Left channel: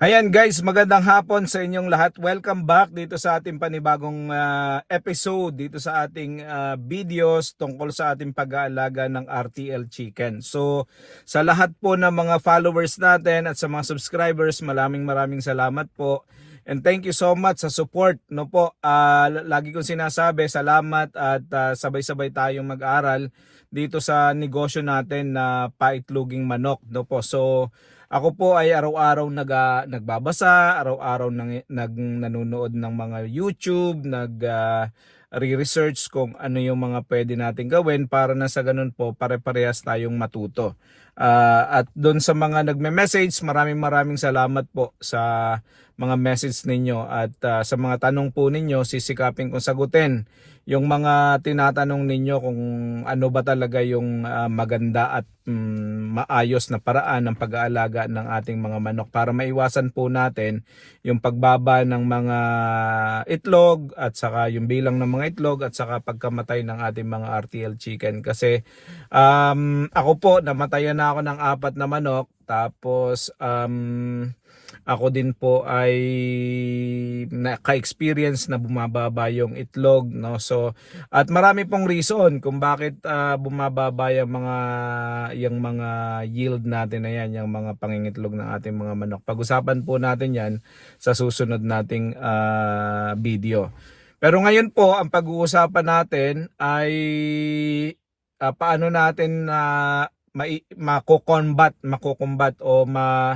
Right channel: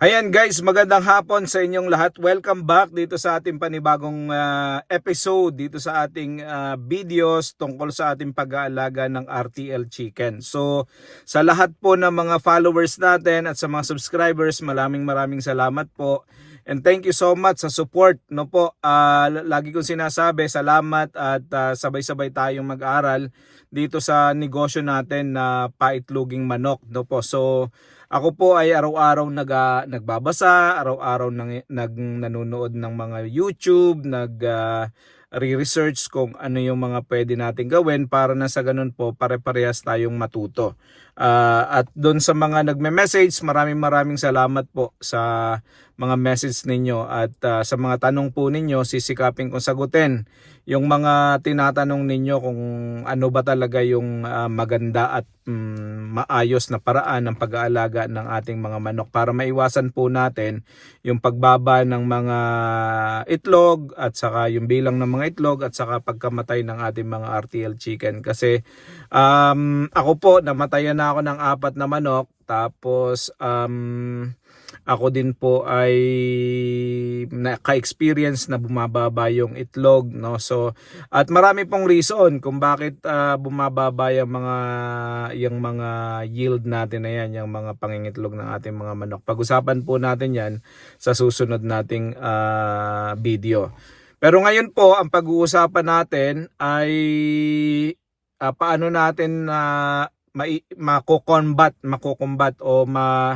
Ayan guys, magandang hapon sa inyong lahat. Welcome back dito sa ating panibagong ah, episode dito sa ating ah, videos tungkol sa ating pag-aalaga ng RTL Chicken. So sa lahat po ng mga followers natin at sa mga subscribers, maraming maraming salamat po. And thank you so much sa support. No po, Ah, lagi kong sinasabi, salamat at ah, sabay-sabay tayong mag-aral dito sa negosyo natin na paitloging manok. No po. So ako po ay araw-araw nag, ah, nagbabasa, araw-araw nang, nag, nanonood ng mga YouTube, nag ah, re-research kung ano yung mga pwede natin gawin para na sa ganun po pare-parehas tayong matuto. Ah, at doon sa mga nagme-message, maraming maraming salamat po sa mga message ninyo at ah, sa mga tanong po ninyo, sisikapin kong sagutin yung mga tinatanong ninyo kung ano ba talaga yung ah, maganda at mm, maayos na paraan ng pag-aalaga ng ating mga manok para maiwasan po natin yung pagbaba ng mga itlog at saka yung bilang ng mga itlog at saka pagkamatay ng ating mga RTL chicken. Kasi um, ako po namatayan na ako ng apat na manok. Tapos um, ako din po ay naka-experience na bumababa yung itlog no? So at marami pong reason kung bakit ah, bumababa yung mga yung mga yield natin. Na yan yung mga pangingitlog ng ating mga manok. Pag-usapan po natin yan sa susunod nating ah, video. Pero ngayon po ang pag-uusapan natin ay ah, paano natin na mai mako-combat mako-combat o ma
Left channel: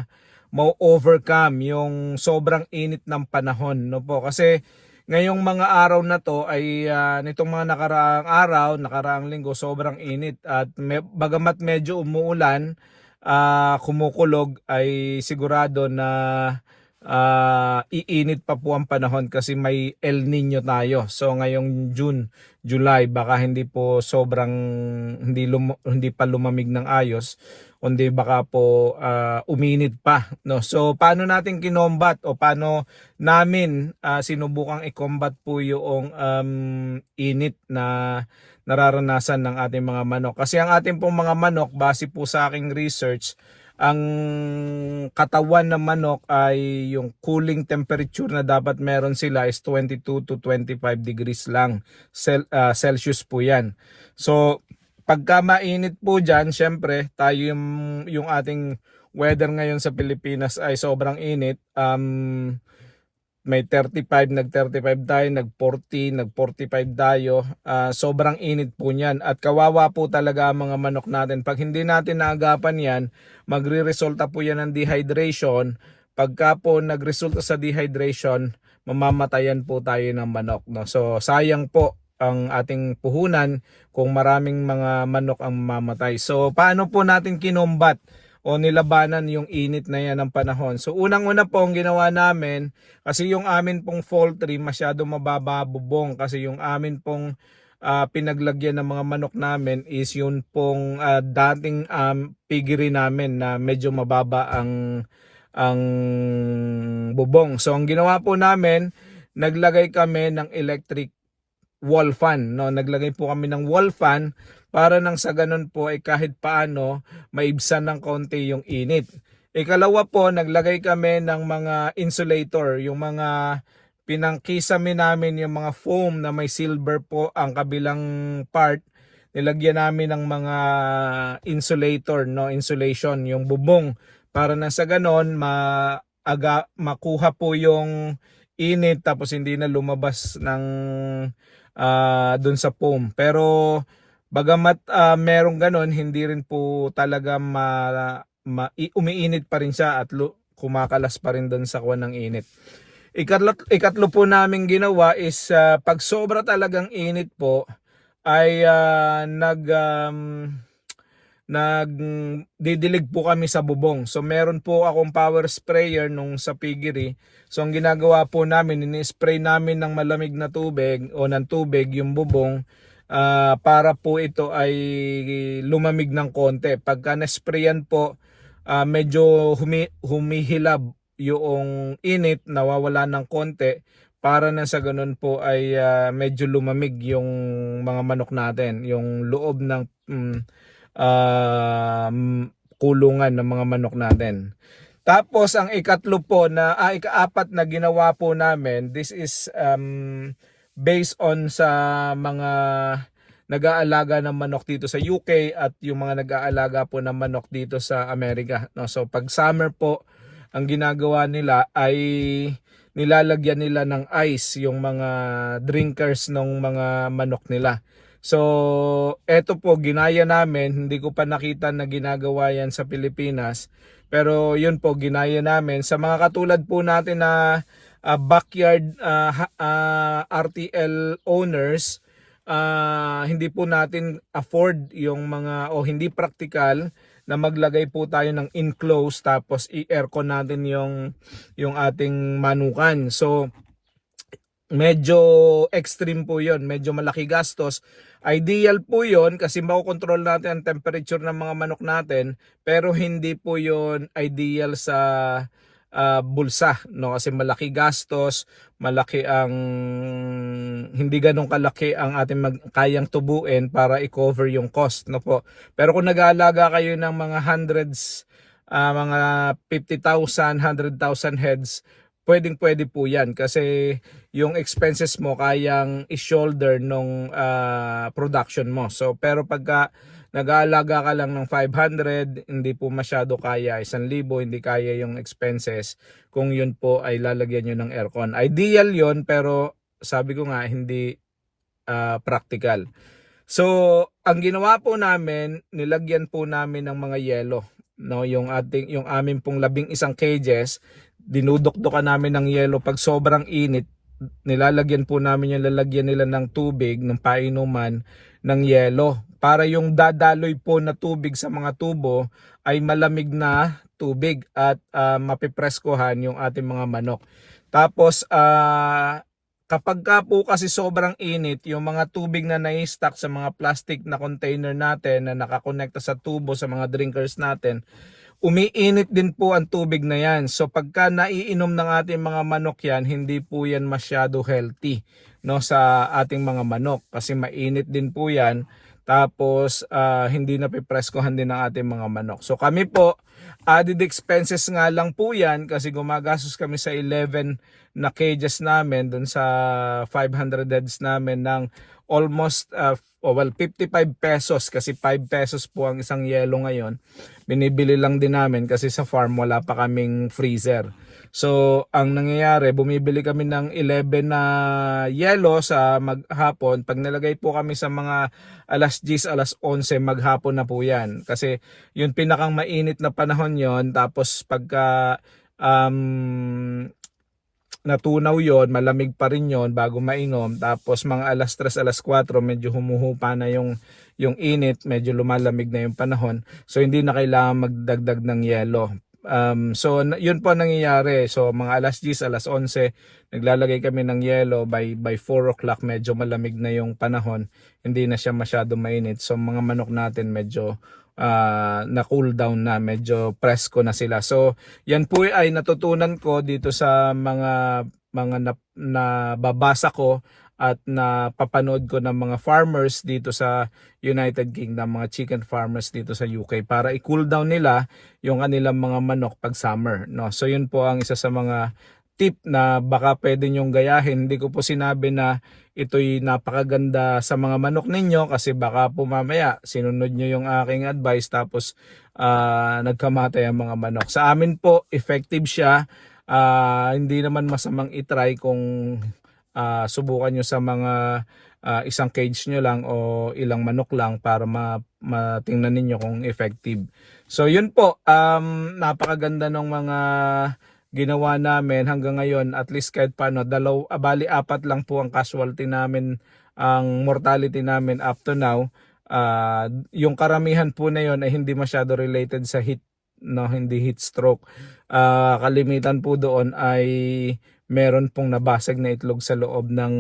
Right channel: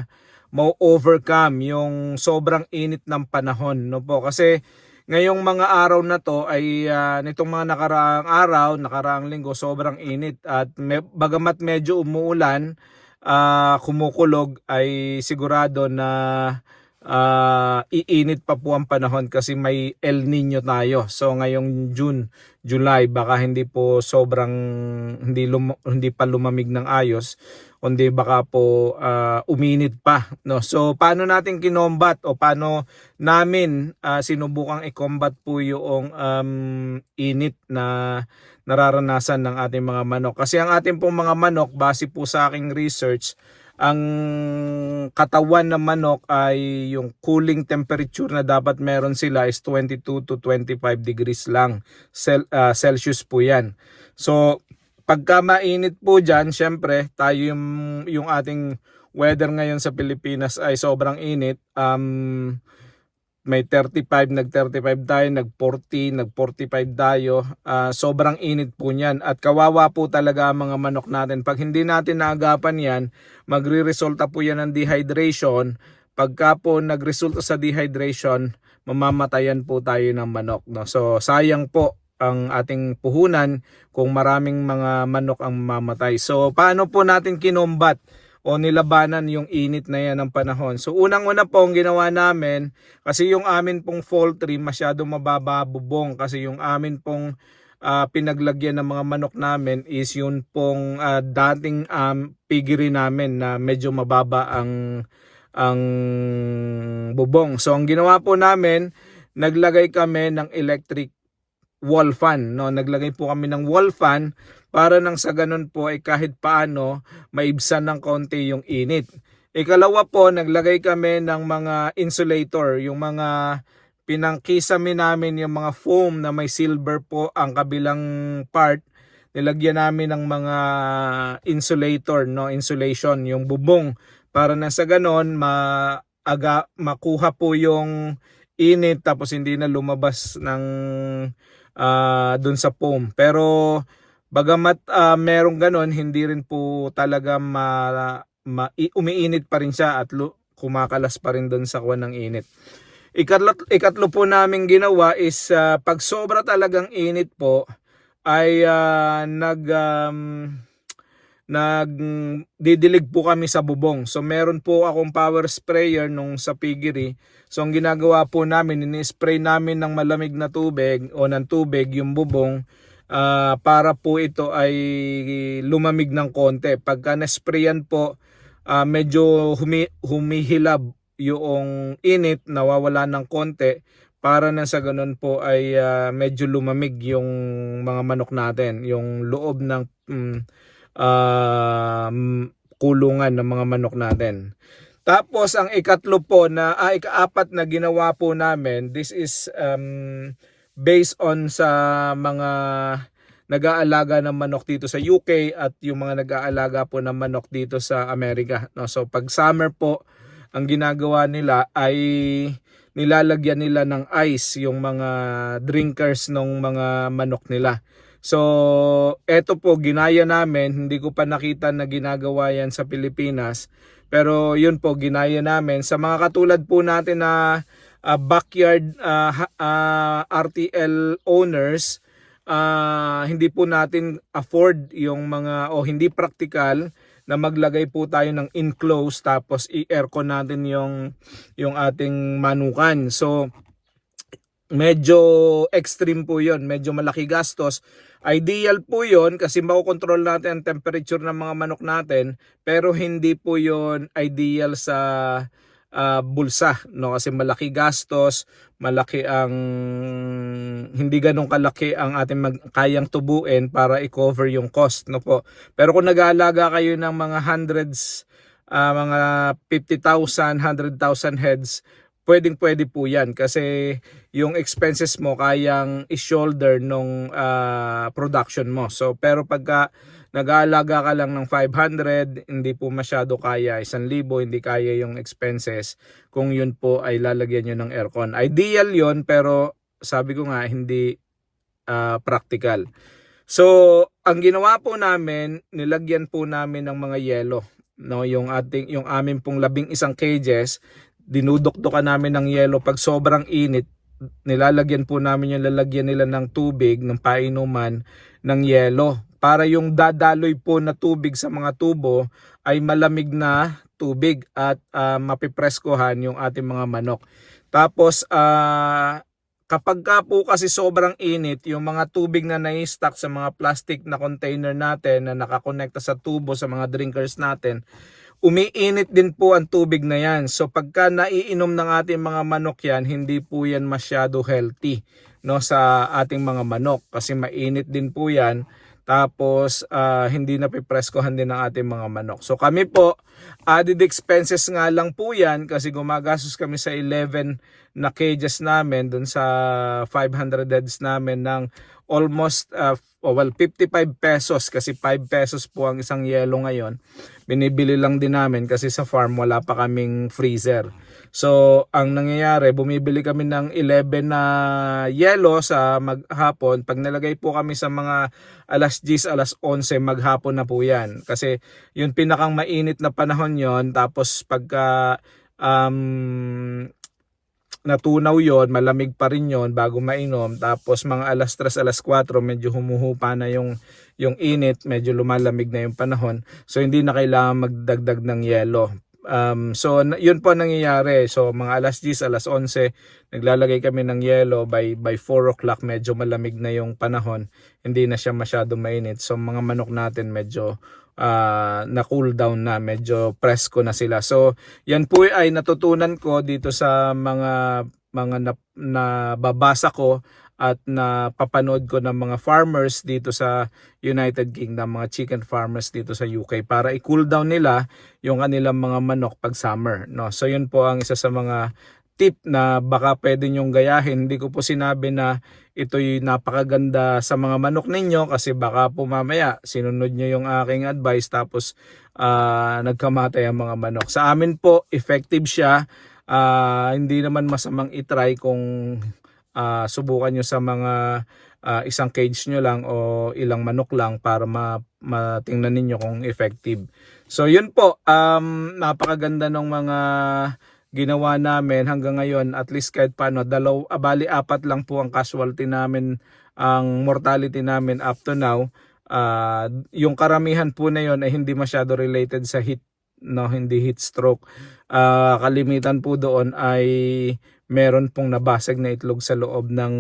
ma-overcome yung sobrang init ng panahon no po kasi ngayong mga araw na to ay ah, nitong mga nakaraang araw, nakaraang linggo sobrang init at me, bagamat medyo umuulan, ah, kumukulog ay sigurado na ah, iinit pa po ang panahon kasi may El Nino tayo. So ngayong June, July baka hindi po sobrang hindi lum- hindi pa lumamig ng ayos kundi baka po ah, uminit pa no? So paano natin kinombat o paano namin ah, sinubukang i-combat po yung um, init na nararanasan ng ating mga manok? Kasi ang ating pong mga manok base po sa aking research ang katawan ng manok ay yung cooling temperature na dapat meron sila is 22 to 25 degrees lang Cel- ah, Celsius po yan. So pagka mainit po dyan, syempre, tayo yung, yung ating weather ngayon sa Pilipinas ay sobrang init. Um, may 35, nag-35 tayo, nag-40, nag-45 tayo. Ah, sobrang init po niyan. At kawawa po talaga ang mga manok natin. Pag hindi natin naagapan yan, magre-resulta po yan ng dehydration. Pagka po nag-resulta sa dehydration, mamamatayan po tayo ng manok. No? So, sayang po ang ating puhunan kung maraming mga manok ang mamatay. So paano po natin kinombat o nilabanan yung init na yan ng panahon? So unang-una po ang ginawa namin kasi yung amin pong poultry masyado mababa bubong kasi yung amin pong ah, pinaglagyan ng mga manok namin is yun pong ah, dating um, piggery namin na medyo mababa ang ang bubong. So ang ginawa po namin, naglagay kami ng electric wall fan. No? Naglagay po kami ng wall fan para nang sa ganun po ay kahit paano maibsan ng konti yung init. Ikalawa po, naglagay kami ng mga insulator, yung mga pinangkisame namin yung mga foam na may silver po ang kabilang part. Nilagyan namin ng mga insulator, no, insulation, yung bubong para na sa ganon maaga makuha po yung init tapos hindi na lumabas ng ah dun sa foam. Pero bagamat ah, merong ganon, hindi rin po talaga ma, ma umiinit pa rin siya at lu- kumakalas pa rin dun sa kuwan ng init. Ikatlo, ikatlo po namin ginawa is ah, pag sobra talagang init po ay ah, nag um, nag didilig po kami sa bubong. So meron po akong power sprayer nung sa piggery. So ang ginagawa po namin, ini-spray namin ng malamig na tubig o ng tubig yung bubong ah, para po ito ay lumamig ng konti. Pagka na-sprayan po, ah, medyo humi, humihilab yung init, nawawala ng konti para na sa ganun po ay ah, medyo lumamig yung mga manok natin, yung loob ng um, kulungan ng mga manok natin. Tapos ang ikatlo po na ah, ikaapat na ginawa po namin, this is um, based on sa mga nag-aalaga ng manok dito sa UK at yung mga nag-aalaga po ng manok dito sa Amerika. No? So pag summer po, ang ginagawa nila ay nilalagyan nila ng ice yung mga drinkers ng mga manok nila. So, eto po, ginaya namin. Hindi ko pa nakita na ginagawa yan sa Pilipinas. Pero yun po, ginaya namin. Sa mga katulad po natin na ah, backyard ah, ha- ah, RTL owners, ah, hindi po natin afford yung mga, o hindi practical na maglagay po tayo ng enclosed tapos i-aircon natin yung, yung ating manukan. So, medyo extreme po yon medyo malaki gastos ideal po yon kasi makokontrol natin ang temperature ng mga manok natin pero hindi po yon ideal sa ah, bulsa no? Kasi malaki gastos malaki ang hindi ganun kalaki ang ating mag, kayang tubuin para i-cover yung cost no po? Pero kung nag-aalaga kayo ng mga hundreds ah, mga 50,000 100,000 heads pwedeng pwede po yan kasi yung expenses mo kayang i-shoulder nung ah, production mo. So pero pagka nag-aalaga ka lang ng 500, hindi po masyado kaya, 1,000, hindi kaya yung expenses kung yun po ay lalagyan nyo ng aircon. Ideal yon pero sabi ko nga hindi ah, practical. So ang ginawa po namin, nilagyan po namin ng mga yelo no yung ating yung amin pong labing isang cages dinudukdukan namin ng yelo. Pag sobrang init nilalagyan po namin yung lalagyan nila ng tubig ng painuman ng yelo. Para yung dadaloy po na tubig sa mga tubo ay malamig na tubig at uh, mapipreskohan yung ating mga manok. Tapos ah, kapag ka po kasi sobrang init yung mga tubig na nai-stack sa mga plastic na container natin na nakakonekta sa tubo sa mga drinkers natin umiinit din po ang tubig na yan. So pagka naiinom ng ating mga manok yan, hindi po yan masyado healthy no sa ating mga manok kasi mainit din po yan. Tapos ah, hindi na pipreskohan din ng ating mga manok. So kami po added expenses nga lang po yan kasi gumagastos kami sa 11 na cages namin dun sa 500 heads namin ng almost uh, oh, well 55 pesos kasi 5 pesos po ang isang yelo ngayon. Binibili lang din namin kasi sa farm wala pa kaming freezer. So ang nangyayari bumibili kami ng 11 na yelo sa maghapon. Pag nalagay po kami sa mga alas 10 alas 11 maghapon na po yan. Kasi yung pinakang mainit na panahon yon tapos pagka um, natunaw yon malamig pa rin yon bago mainom. Tapos mga alas 3 alas 4 medyo humuhupa na yung yung init medyo lumalamig na yung panahon. So hindi na kailangan magdagdag ng yelo. Um, so yun po ang nangyayari. So mga alas 10 alas 11 naglalagay kami ng yelo. By by 4 o'clock medyo malamig na yung panahon. Hindi na siya masyado mainit. So mga manok natin medyo ah, na cool down na medyo presko na sila so yan po ay natutunan ko dito sa mga mga na, nababasa ko at na papanood ko ng mga farmers dito sa United Kingdom, mga chicken farmers dito sa UK para i-cool down nila yung kanilang mga manok pag summer, no. So yun po ang isa sa mga tip na baka pwede nyong gayahin. Hindi ko po sinabi na ito'y napakaganda sa mga manok ninyo kasi baka po mamaya sinunod nyo yung aking advice tapos ah, nagkamatay ang mga manok. Sa amin po, effective siya. Ah, hindi naman masamang itry kung ah, subukan nyo sa mga ah, isang cage nyo lang o ilang manok lang para ma matingnan ninyo kung effective. So yun po, um, napakaganda ng mga ginawa namin hanggang ngayon at least kahit paano dalaw ah, bali apat lang po ang casualty namin ang mortality namin up to now. Ah, yung karamihan po na yon ay hindi masyado related sa heat no hindi heat stroke. Ah, kalimitan po doon ay meron pong nabasag na itlog sa loob ng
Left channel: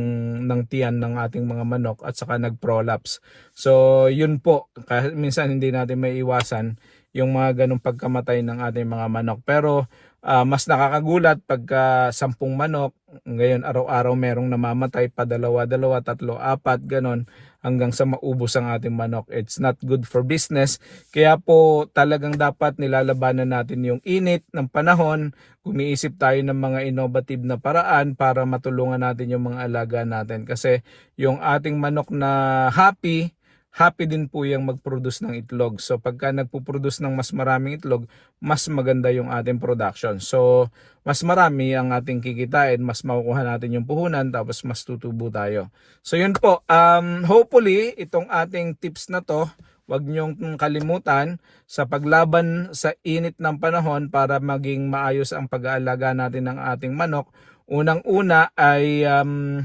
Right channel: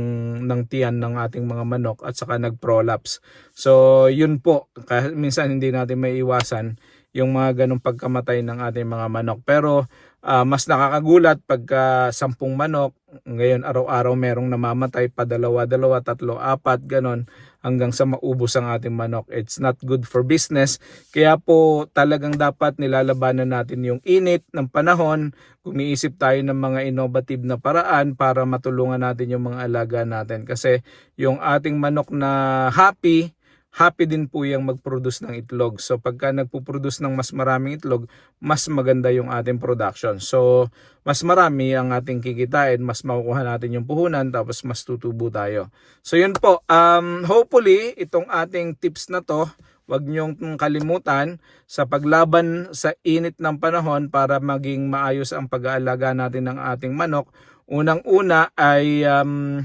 ng tiyan ng ating mga manok at saka nag-prolapse. So yun po minsan hindi natin may iwasan yung mga ganong pagkamatay ng ating mga manok. Pero Ah, mas nakakagulat pagka sampung manok, ngayon araw-araw merong namamatay pa dalawa, dalawa, tatlo, apat, ganon. hanggang sa maubos ang ating manok. It's not good for business. Kaya po talagang dapat nilalabanan natin yung init ng panahon. Kumiisip tayo ng mga innovative na paraan para matulungan natin yung mga alaga natin. Kasi yung ating manok na happy, happy din po yung mag-produce ng itlog. So pagka nagpo-produce ng mas maraming itlog, mas maganda yung ating production. So mas marami ang ating kikitain, mas makukuha natin yung puhunan, tapos mas tutubo tayo. So yun po, um, hopefully itong ating tips na to, wag niyong kalimutan sa paglaban sa init ng panahon para maging maayos ang pag-aalaga natin ng ating manok. Unang-una ay um,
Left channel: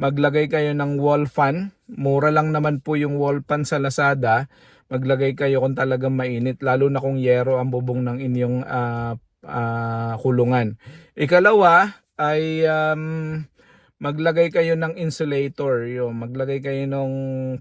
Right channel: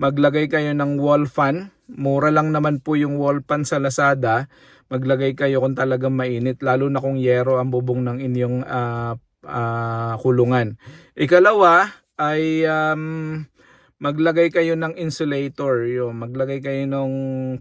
maglagay kayo ng wall fan. Mura lang naman po yung wall fan sa Lazada. Maglagay kayo kung talagang mainit, lalo na kung yero ang bubong ng inyong ah, ah, kulungan. Ikalawa ay um, maglagay kayo ng insulator, yun. maglagay kayo ng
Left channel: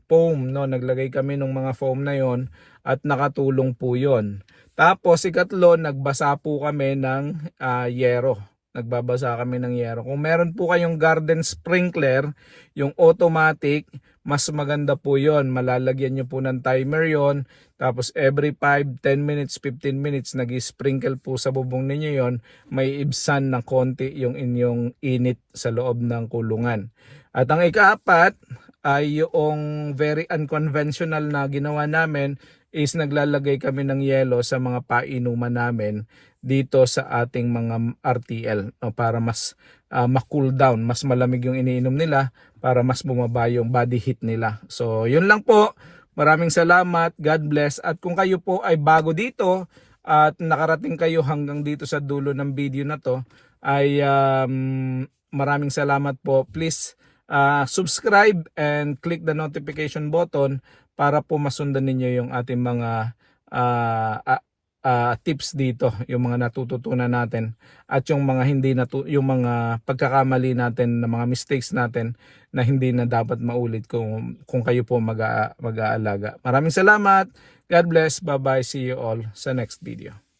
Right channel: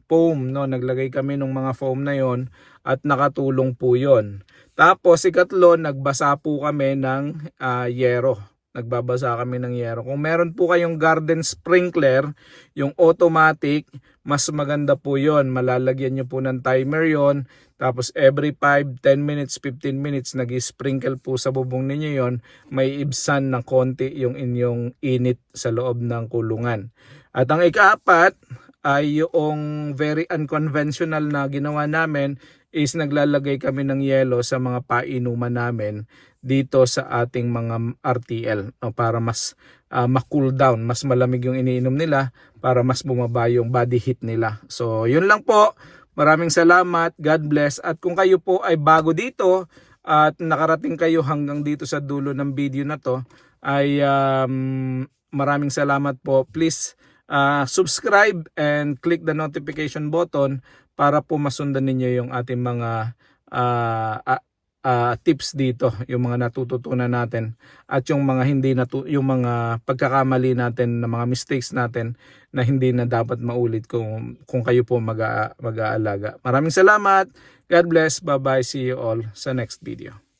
foam, no? Naglagay kami ng mga foam na yon at nakatulong po yon. Tapos ikatlo, nagbasa po kami ng ah, yero. Nagbabasa kami ng yero. Kung meron po kayong garden sprinkler, yung automatic, mas maganda po yon. Malalagyan nyo po ng timer yon. Tapos every 5, 10 minutes, 15 minutes, nag-sprinkle po sa bubong ninyo yon. May ibsan ng konti yung inyong init sa loob ng kulungan. At ang ikaapat ay yung very unconventional na ginawa namin is naglalagay kami ng yelo sa mga painuman namin dito sa ating mga RTL no, para mas ah, ma-cool down, mas malamig yung iniinom nila para mas bumaba yung body heat nila. So, yun lang po. Maraming salamat. God bless. At kung kayo po ay bago dito at nakarating kayo hanggang dito sa dulo ng video na to, ay um, maraming salamat po. Please ah, subscribe and click the notification button para po masundan ninyo yung ating mga ah, ah, ah, tips dito, yung mga natututunan natin at yung mga hindi natu yung mga pagkakamali natin na mga mistakes natin na hindi na dapat maulit kung kung kayo po mag mag-aalaga. Maraming salamat. God bless. Bye-bye. See you all sa next video.